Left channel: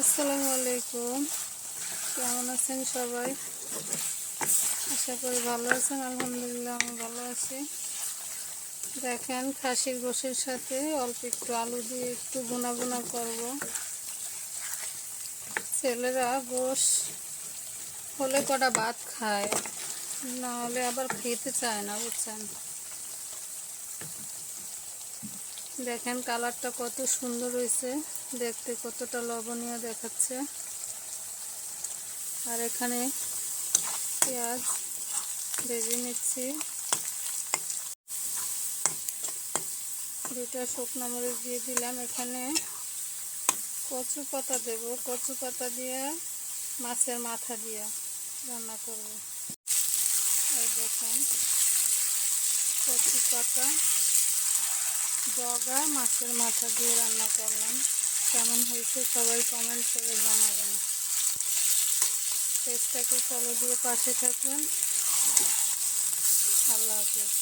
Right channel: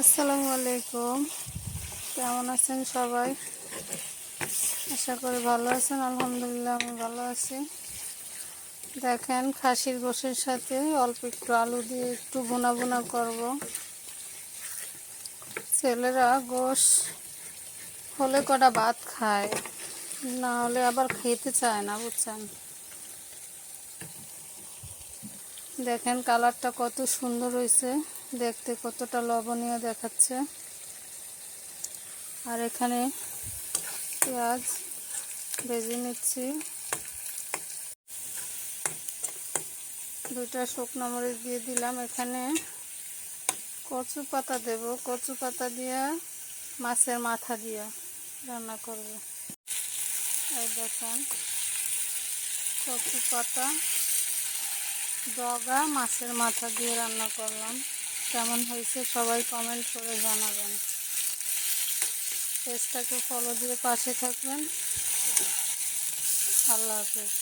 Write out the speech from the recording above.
আসসালামু আলাইকুম। কেমন আছেন সবাই? আশা করি ভালো আছেন। আলহামদুলিল্লাহ আমি ভালো আছি। দেখেন, খাসির গোশের সাথে অল্প একটু আলু দিয়ে একটু ভুনা ভুনা করব। ছেলেরা গোশ হলে কটা ভাত খায়, না হলে আবার খেতে চায় না, বুঝছেন। দেখেন কালারটা কত সুন্দর হয়েছে, দেখতে কতটা লবণীয় দেখাচ্ছে। আর এখানে পেঁয়াজ ভেজে নিচ্ছি, দুইটা শুকনো মরিচ দিয়ে দিলাম। এখানে কচু পাতা দেব, কচু পাতা দিয়ে মাছের মাথা দিয়ে রান্না করব। এই দেখেন, কচু পাতা ডগা মাছের মাথা দিয়ে রান্না করলাম। কেমন হয়েছে সবাই কমেন্ট করে জানাবেন। পেজটাকে ফলো দিয়ে পাশে থাকবেন। আল্লাহ হাফেজ।